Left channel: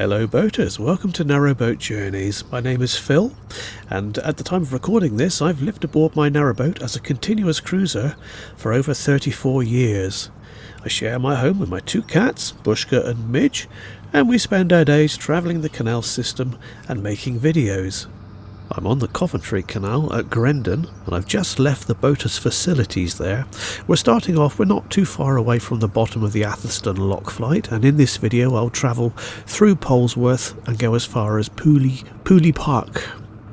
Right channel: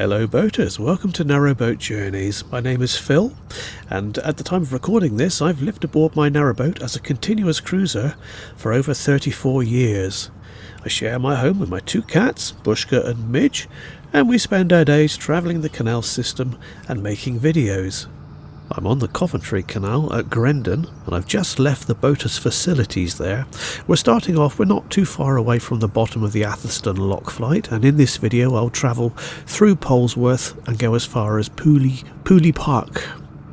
Hello boaters, welcome to Narrowboat Journeys. My name is Phil, and at the time of recording this I've lived aboard my narrowboat as a continuous cruiser for over 34 years. I share my home with my two cats, Bushka and Midge, and we spend our days travelling the canal system and making videos. I'm on the Coventry Canal at Grendon, and I've just left the boaters' facilities there. We're not too far away from the bottom of the Atherstone Lock Flight, and in this video I'll travel through Polesworth and go as far as Pooley Park.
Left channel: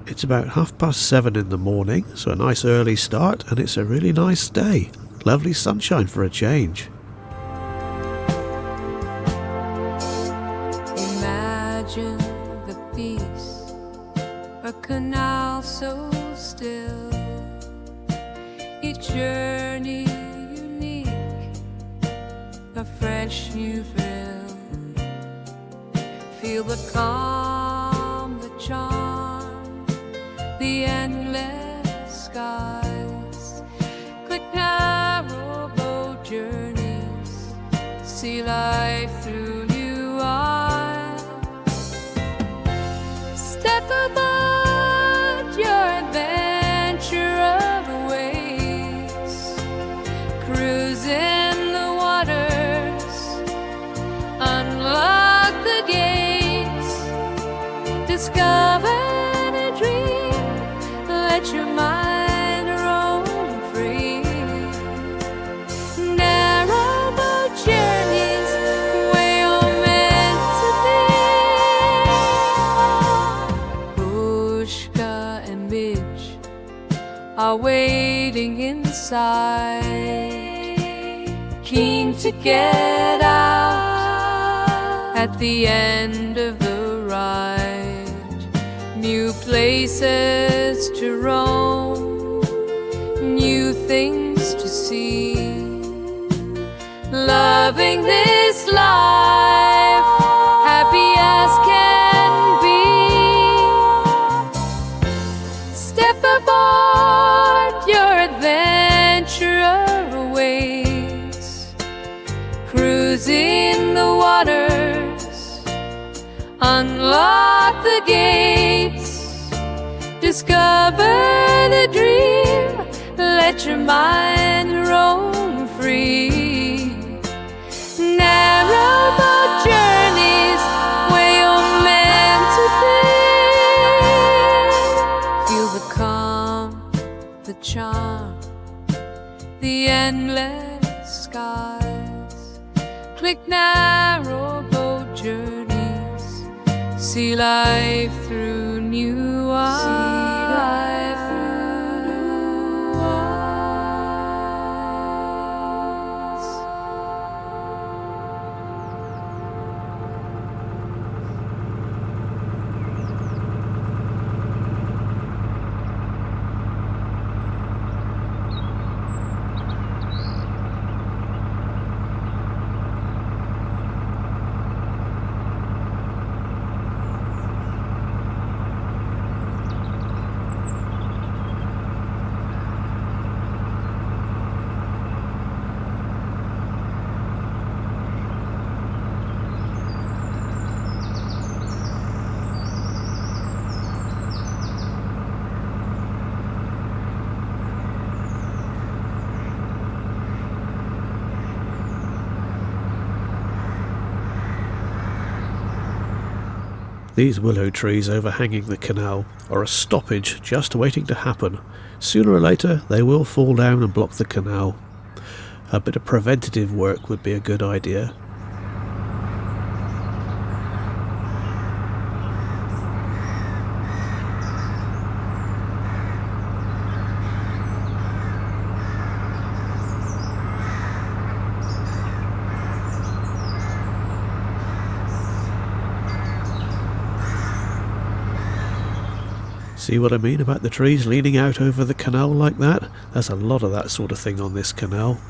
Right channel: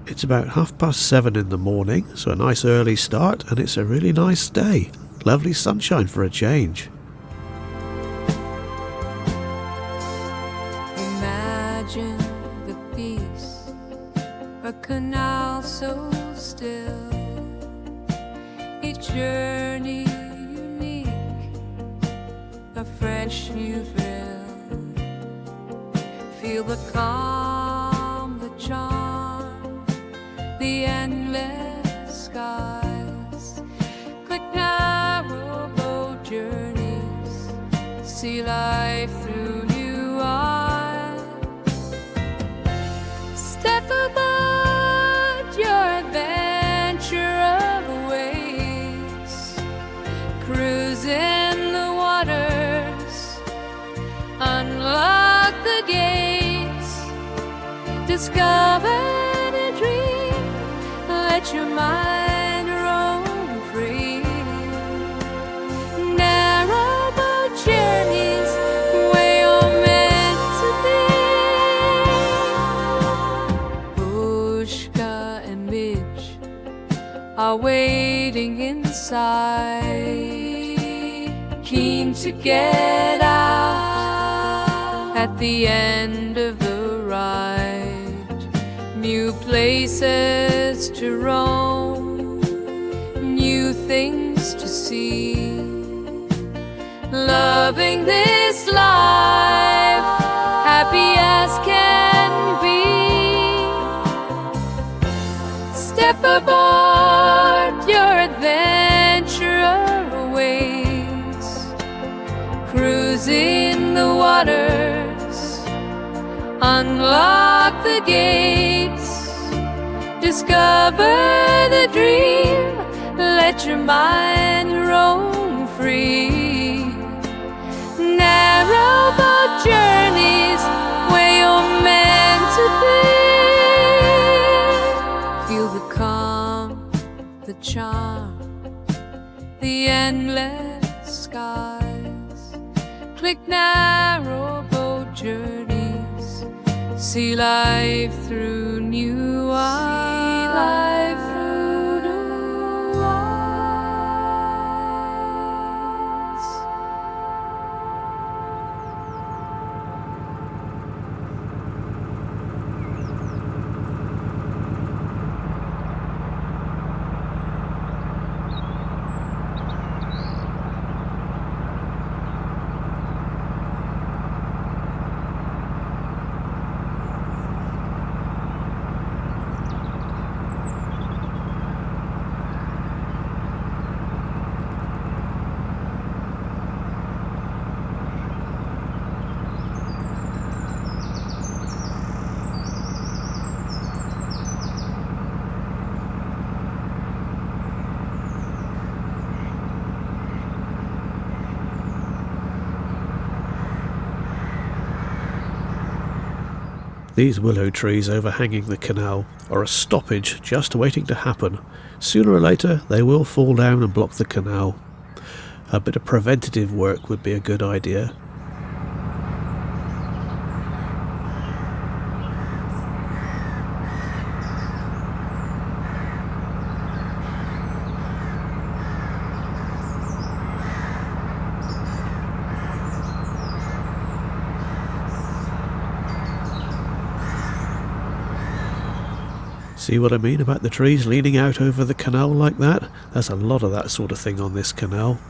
It's about 7:30 in the morning, so a nice early start, and it's a really nice day. Lovely sunshine for a change. Imagine the peace, a canal so still, each journey unique, a fresh new thrill. Feel the calm, the charm, the endless skies. Click narrowboat journeys, see life through new eyes. Step aboard your adventure awaits, cruise in the waters, unlock the gates, discover the dream, let your mind roam free. Narrowboat journeys where you're meant to be. Bushka and Midge are waiting inside, keen to get out at the end of the ride. New places to roam, new things to see, loving this life, happy as can be. Step aboard, your adventure awaits, cruise in the waters, unlock the gates, discover the dream, let your mind roam free. Narrowboat journeys where you're meant to be. Feel the calm, the charm, the endless skies. Click narrowboat journeys, see life through new eyes. These willow trees overhanging the canal are a stoppage just waiting to happen. Sooner or later they will fall down and block the canal. A bit of preventative work would be a good idea. See what I mean about the trees leaning out over the canal like that? There's a lot of that sort of thing on this canal.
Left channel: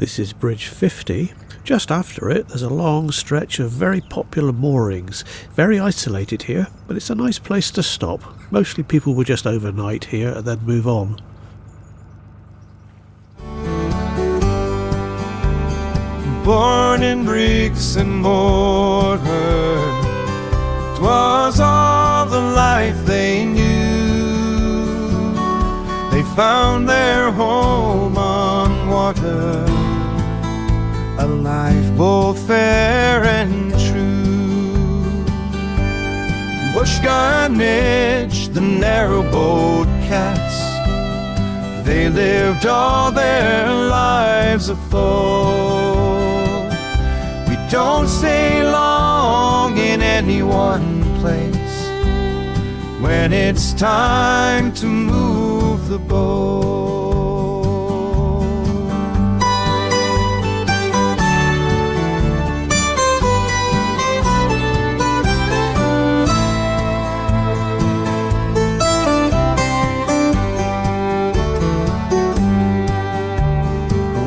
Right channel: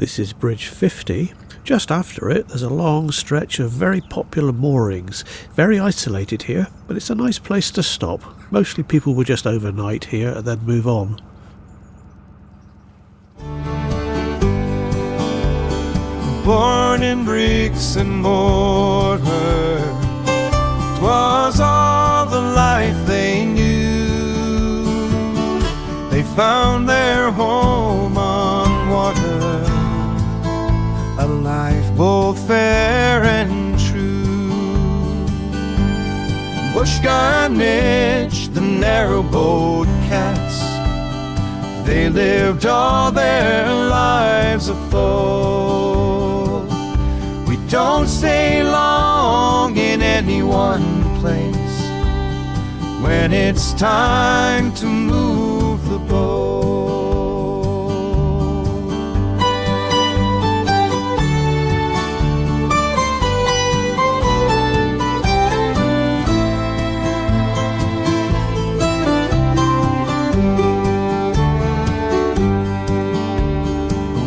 This is Bridge 50. Just after it, there's a long stretch of very popular moorings. Very isolated here, but it's a nice place to stop. Mostly people will just overnight here and then move on. Born in bricks and mortar, 'twas all the life they knew. They found their home on water, a life both fair and true. Bushgun Mitch, the narrowboat cats, they lived all their lives afloat. We don't stay long in any one place when it's time to move the boat.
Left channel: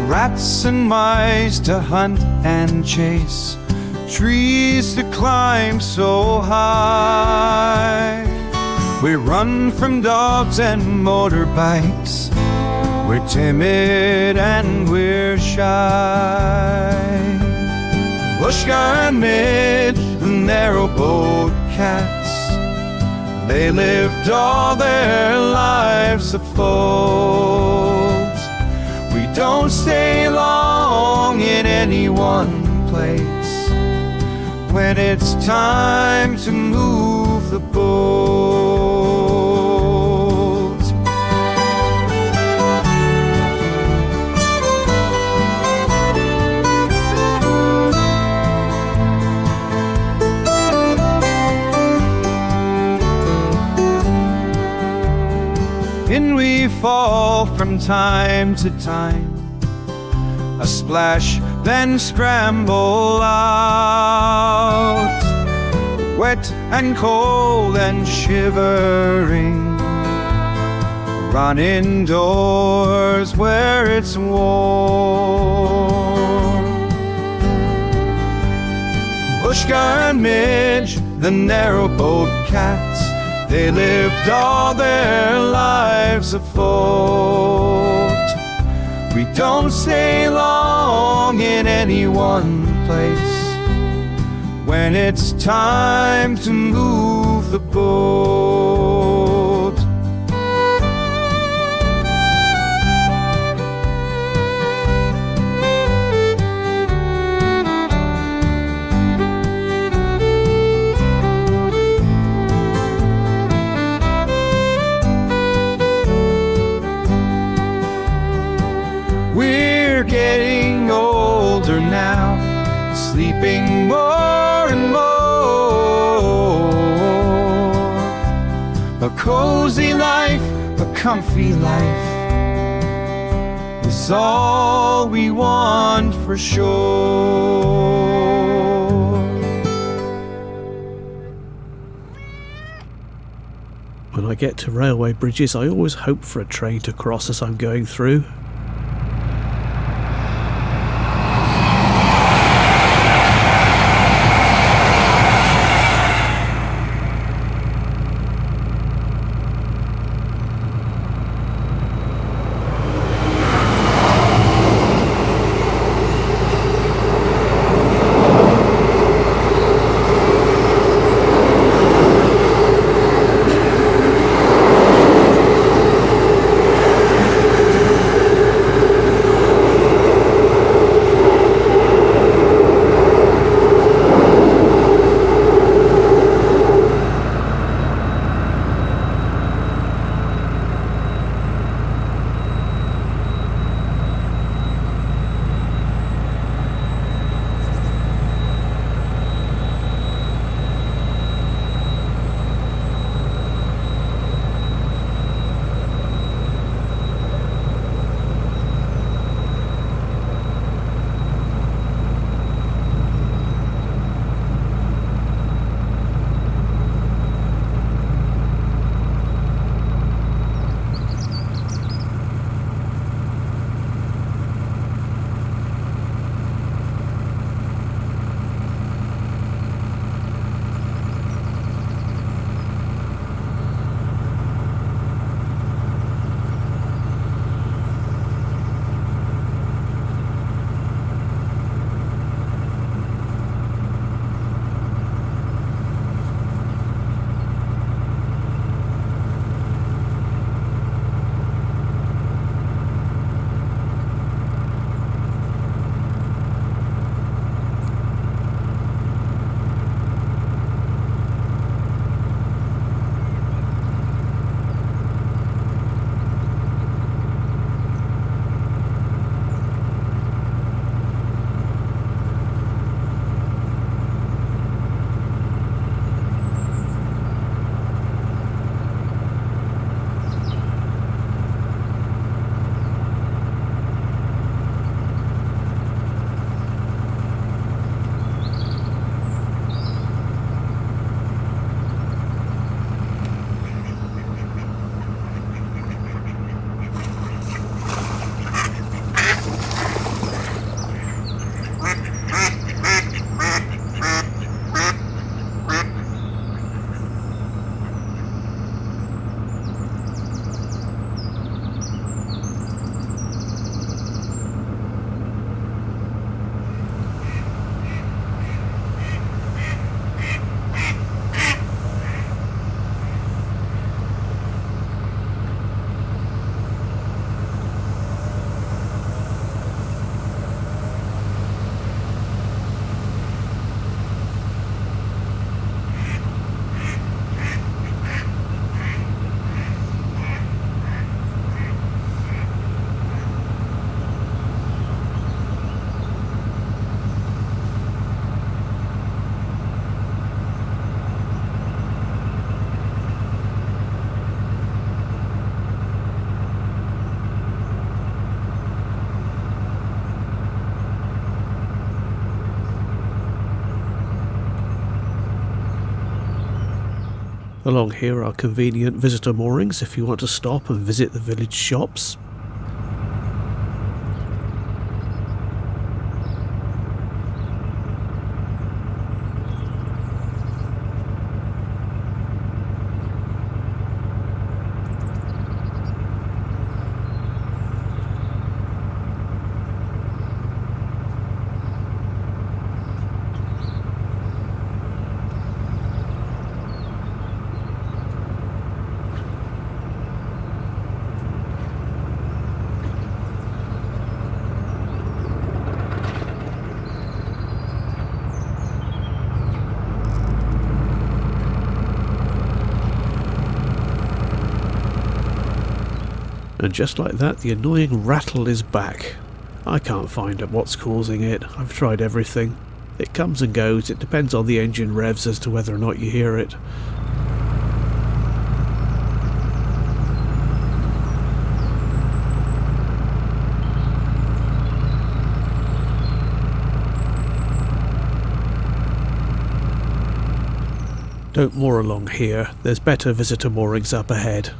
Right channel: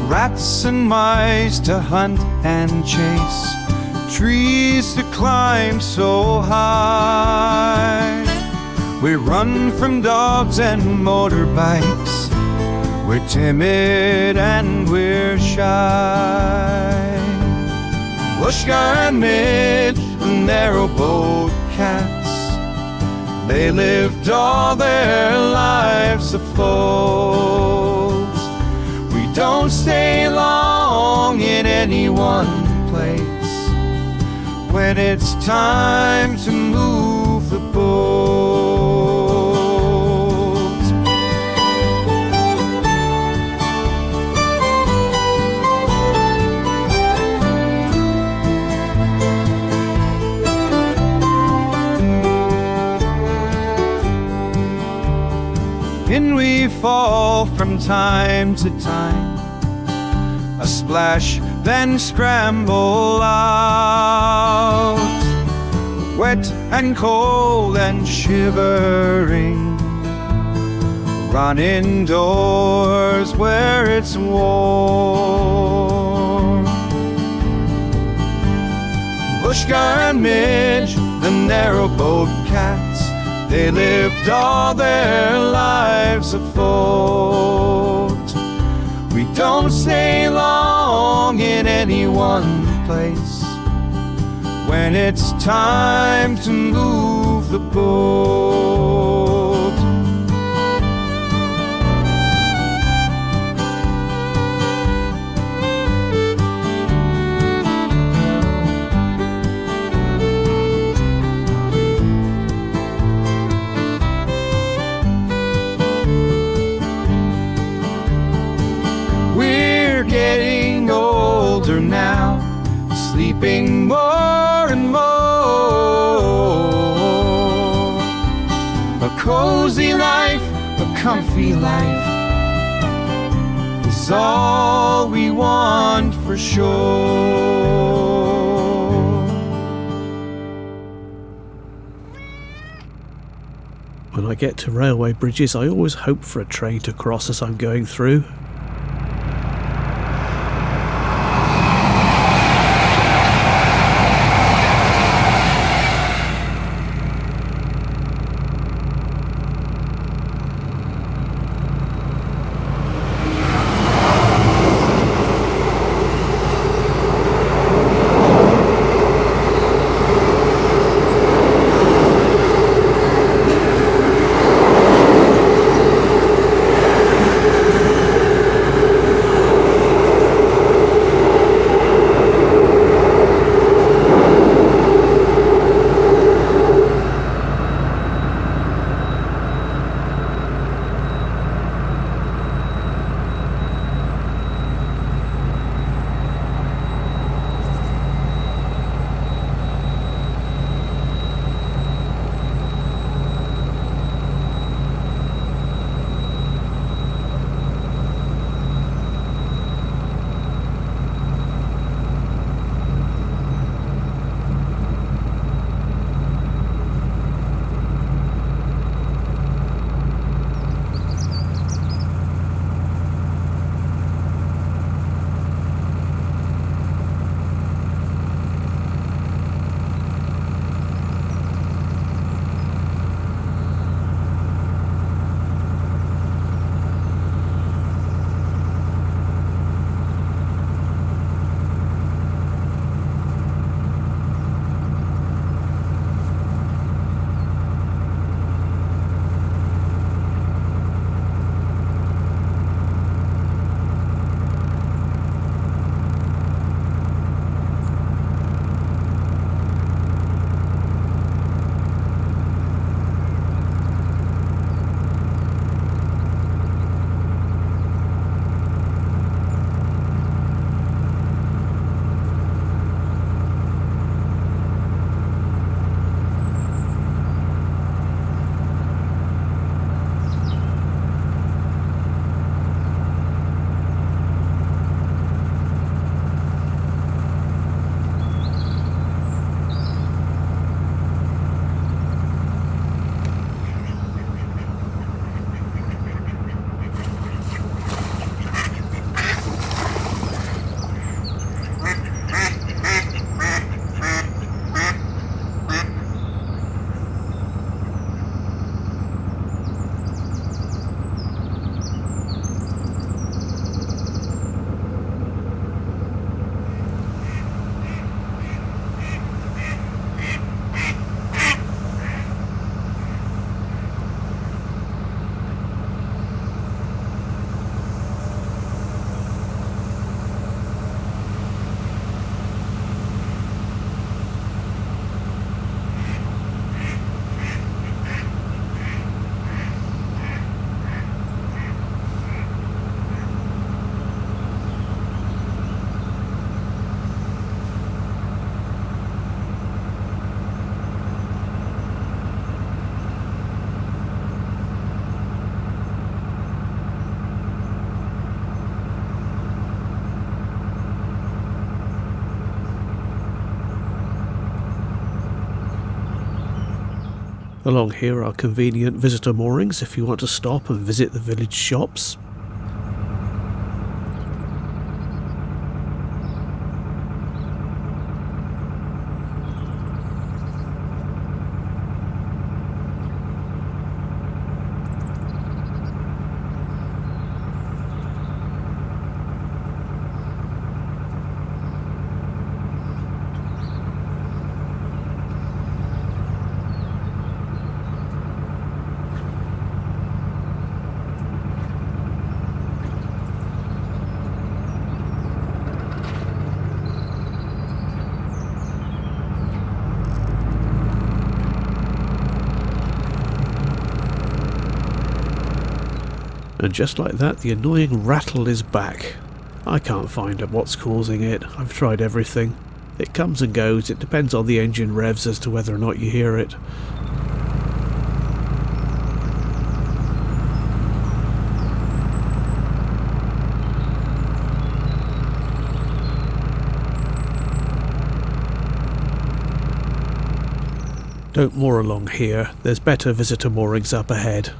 Rats and mice to hunt and chase, trees to climb so high. We run from dogs and motorbikes, we're timid and we're shy. Bushgun Mitch, the narrowboat cats, they lived all their lives afloat. We don't stay long in any one place when it's time to move the boat. In we fall from time to time, a splash, then scramble out, wet and cold and shivering. Run indoors where it's warm. Bushgun Mitch, the narrowboat cats, they lived all their lives afloat. We don't stay long in any one place when it's time to move the boat. We're getting older now, sleeping more and more. A cozy life, a comfy life is all we want for sure. When I get to railway bridges, I always hope for a train to cross as I'm going through. Along here are convenient visitor moorings if you want to stop and visit the village shops. And just like that, the annoying rattle is back. I can't find out what's causing it. I've tried everything. It comes and goes. It depends on the engine revs as to whether or not you hear it. Don't moor along here. There's better visitor moorings up ahead.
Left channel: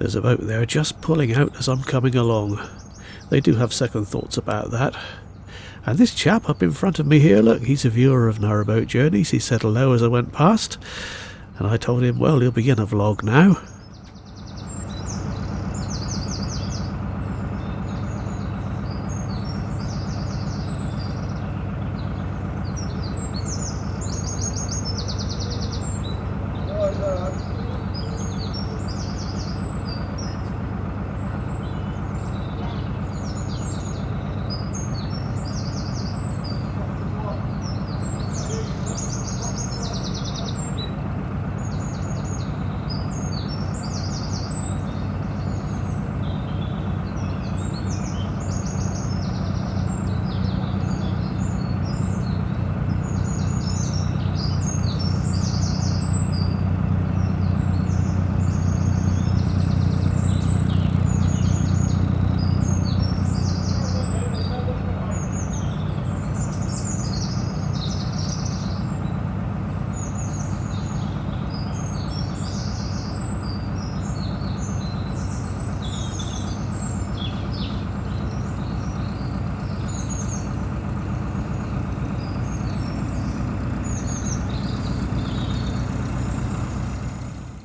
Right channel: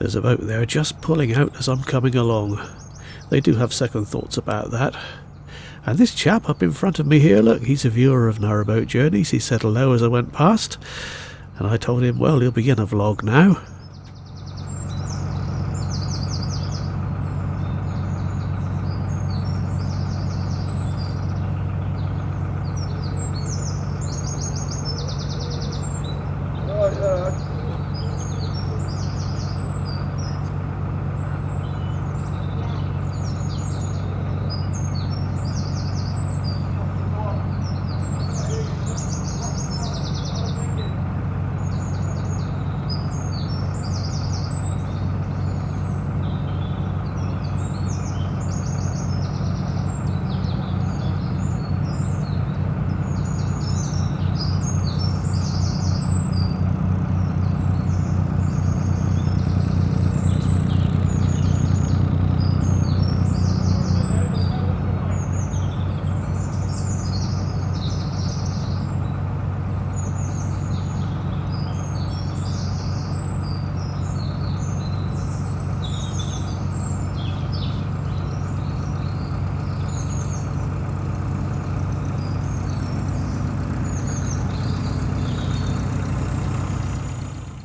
There's a boat there just pulling out as I'm coming along. They do have second thoughts about that. And this chap up in front of me here, look, he's a viewer of Narrowboat Journeys. He said hello as I went past, and I told him, well, he'll begin a vlog now.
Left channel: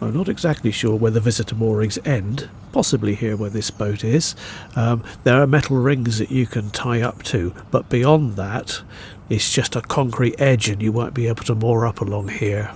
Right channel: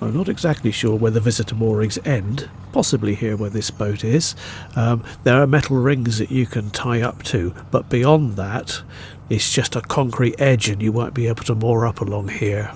I'm not exactly sure where the visitor moorings end, possibly here where this boat is. There are metal rings that you can tie up to, but beyond that it's just a concrete edge and you won't be able to moor up along here.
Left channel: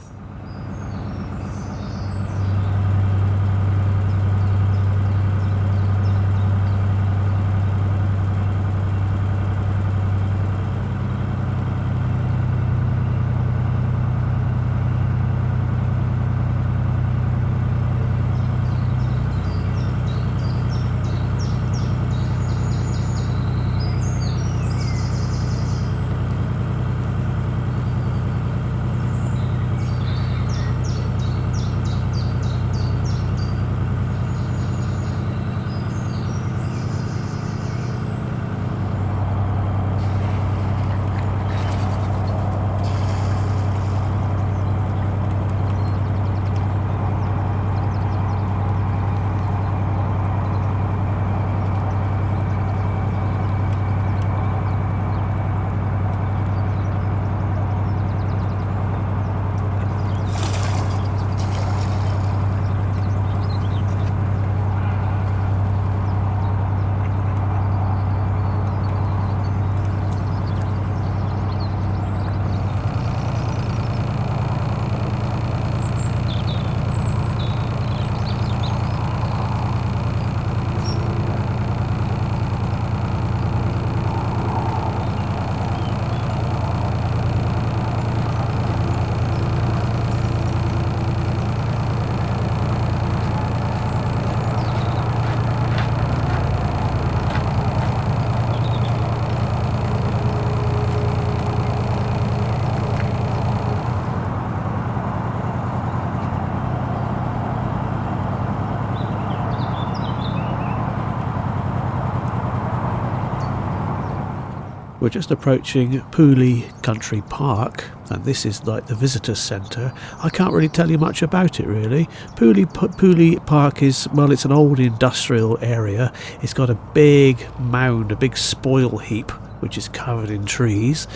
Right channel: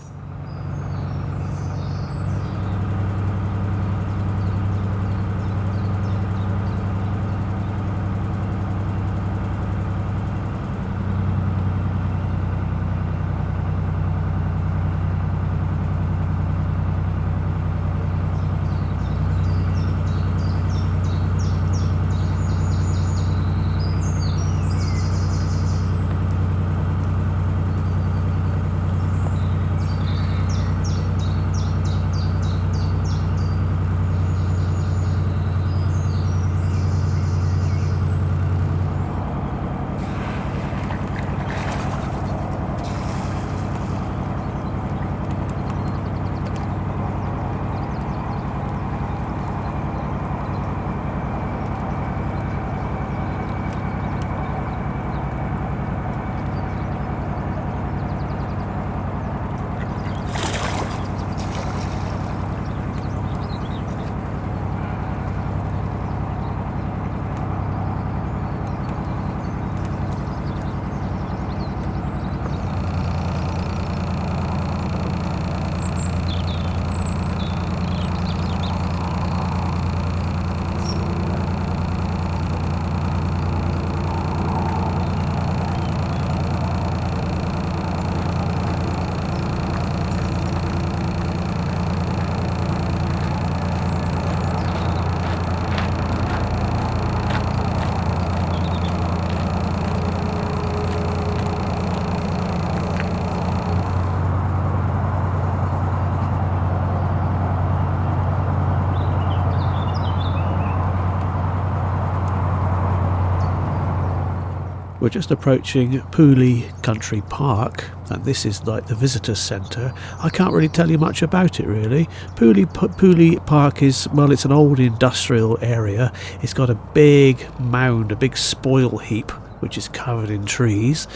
We're just approaching Pooley Country Park, and this is like the visitor centre. I can't really tell you much about it really. Pooley Park is, well, it's an old industrial area. It's got a big mound, a big spoil heap, which is covered in trees,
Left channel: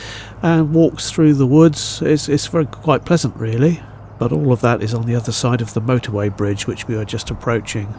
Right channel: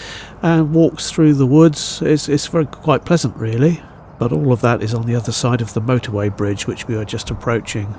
and walks through the woods. It's very quite pleasant really, but all of that is on the other side of the motorway bridge, which we are just approaching.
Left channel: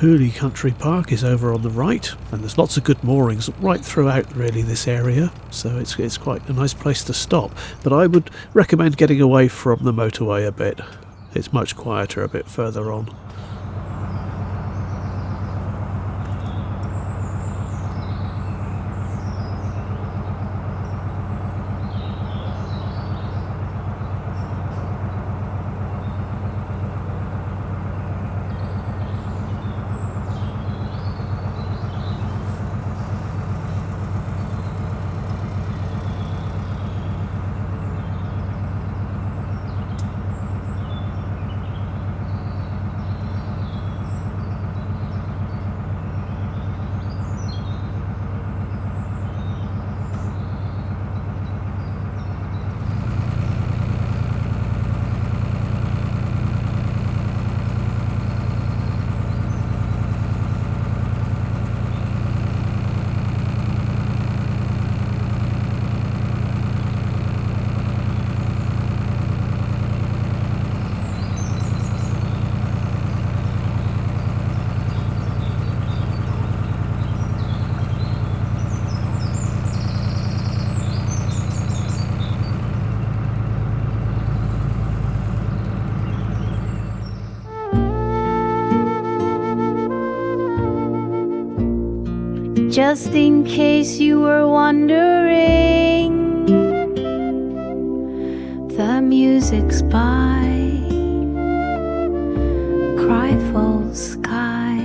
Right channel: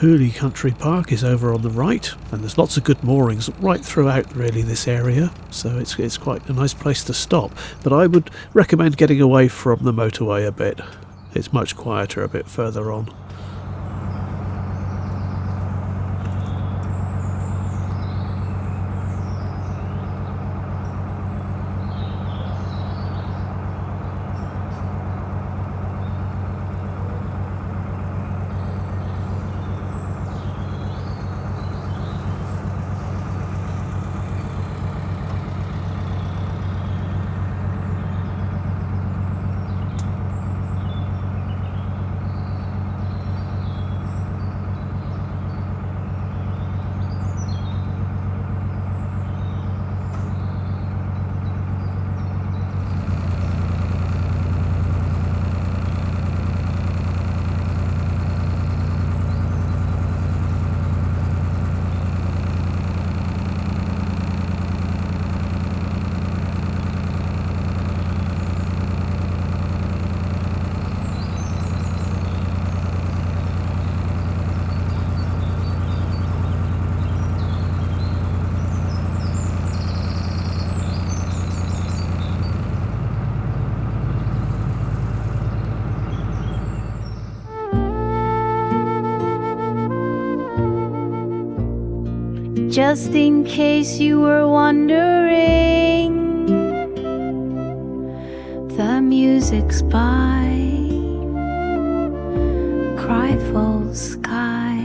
Pooley Country Park is over on the right, and there's lots of good moorings right throughout really this area, so it's quite a nice place to stop. But I would recommend getting away from the motorway a bit. It's much quieter a bit further on. Just in case you were wondering, the music's by Cryfall Sky,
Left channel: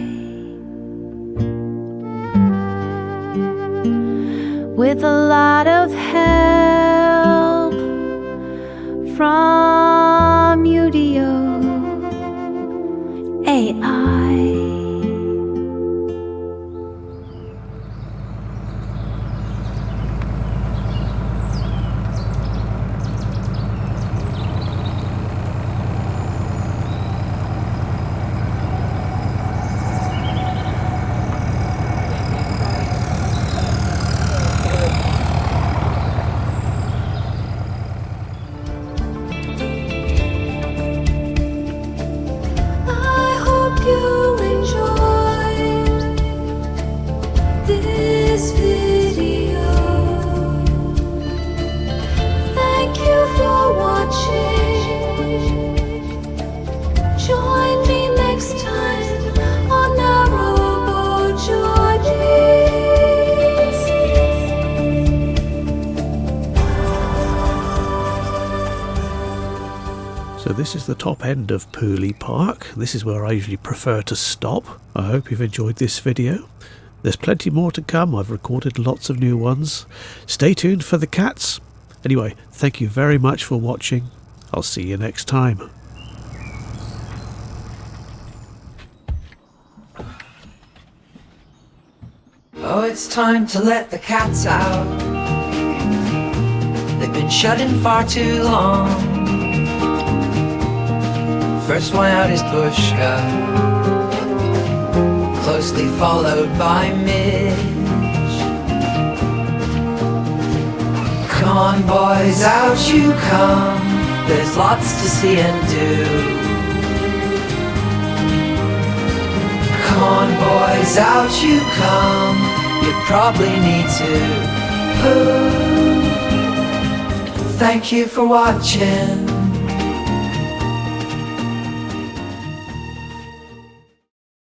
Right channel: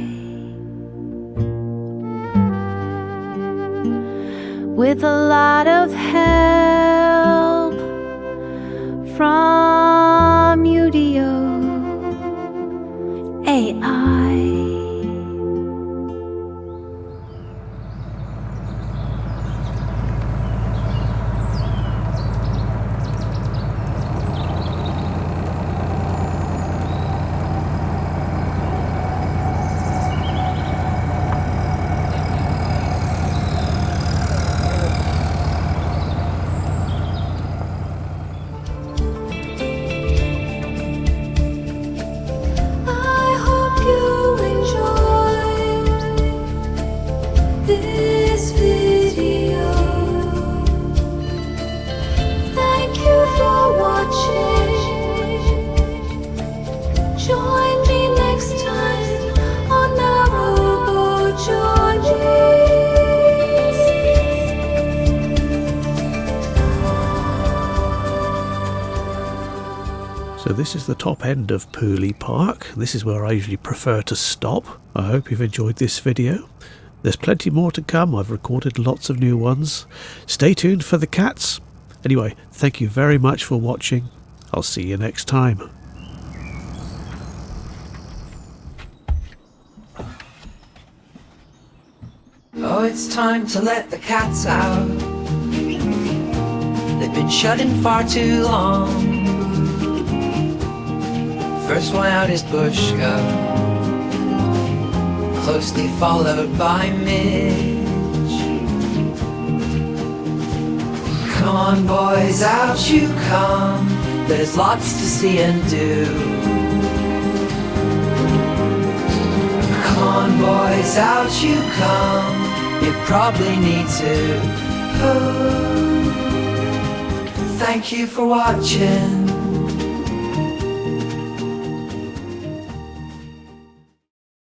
with a lot of help from UDO AI. This video. Thank you for watching. Join me next time on Narrowboat Journeys. So this is the top end of Pooley Park. This is where I usually prefer to stop. I hope you've enjoyed this video. There's plenty more to come. I've recorded lots of new ones. Stay tuned for the cats. Anyway, thank you very much for watching. I'll see you next time. Oh, it's time to let the cats out. They've been shut in far too long. First one out is Bushka, closely followed by Midge. Come on boys, out you come. There's lots to see and do. Come on boys, out you come. You probably need to poo. Thank you for watching.